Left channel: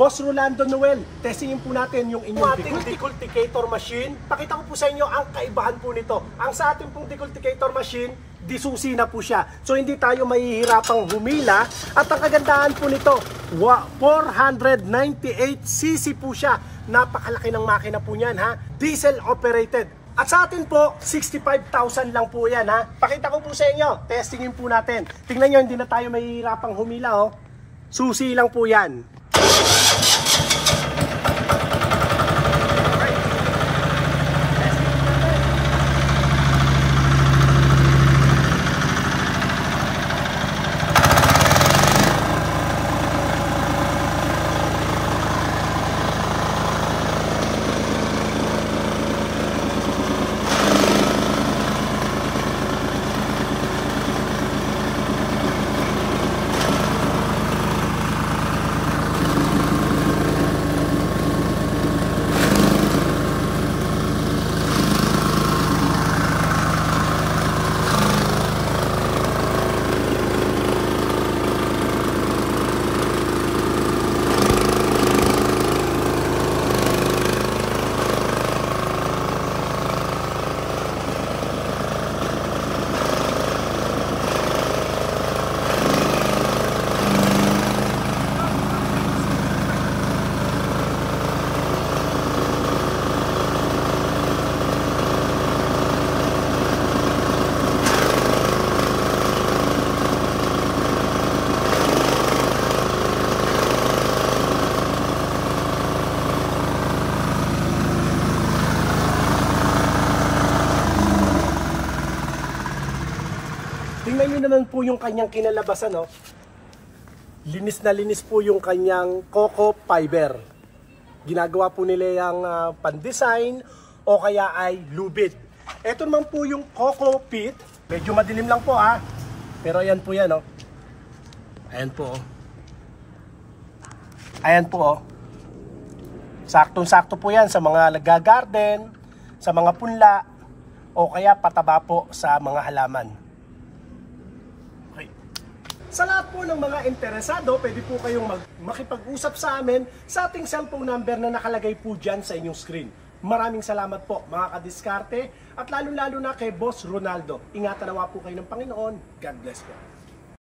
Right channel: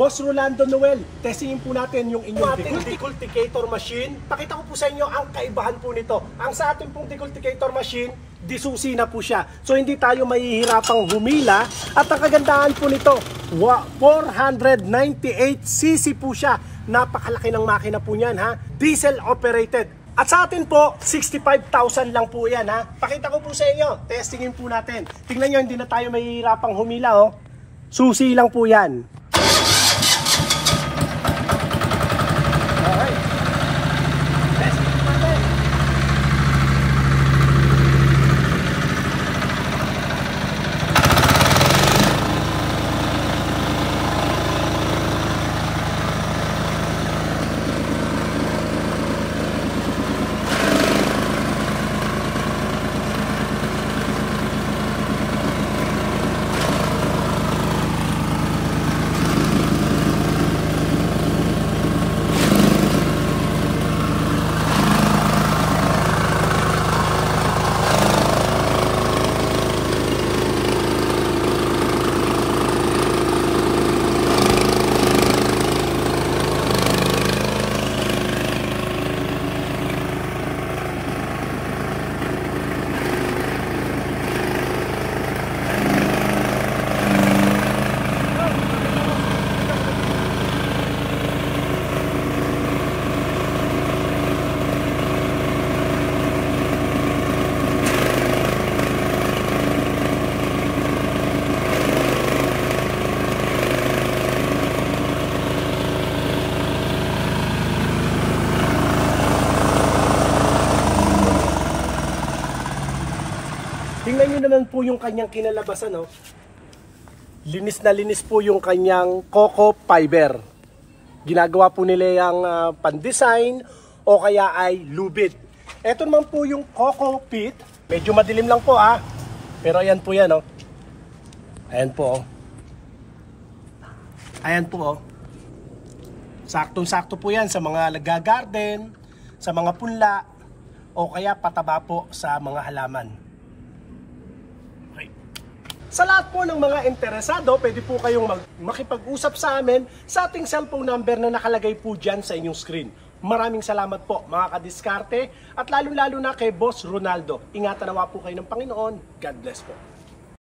Boss Rolando Noel, testingin po natin yung inyong decultivator machine. Pakita ko po sa inyo ang kaibahan po nito. Ang sa ating pong decultivator machine, disusi na po siya. So hindi tayo mahihirapang humila. At ang kagandahan po nito, 498cc po siya. Napakalaki ng makina po niyan, ha? Diesel operated. At sa atin po, 65,000 lang po yan, ha? Pakita ko po sa inyo, testingin po natin. Tingnan nyo, hindi na tayo mahihirapang humila, oh. Susi lang po yan. Tingnan nyo naman po yung kanyang kinalabasan, no? Linis na linis po yung kanyang coco fiber. Ginagawa po nila yung pan-design o kaya ay lubid. Ito naman po yung coco pit. Medyo madilim lang po, ha? Pero ayan po yan, no? Ayan po, oh. Ayan po, oh. Saktong-sakto po yan sa mga nag-garden, sa mga punla, o kaya pataba po sa mga halaman. Sa lahat po ng mga interesado, pwede po kayong makipag-usap sa amin sa ating cellphone number na nakalagay po dyan sa inyong screen. Maraming salamat po mga kadiskarte at lalong-lalo na kay Boss Ronaldo. Ingatan nawa po kayo ng Panginoon. God bless po.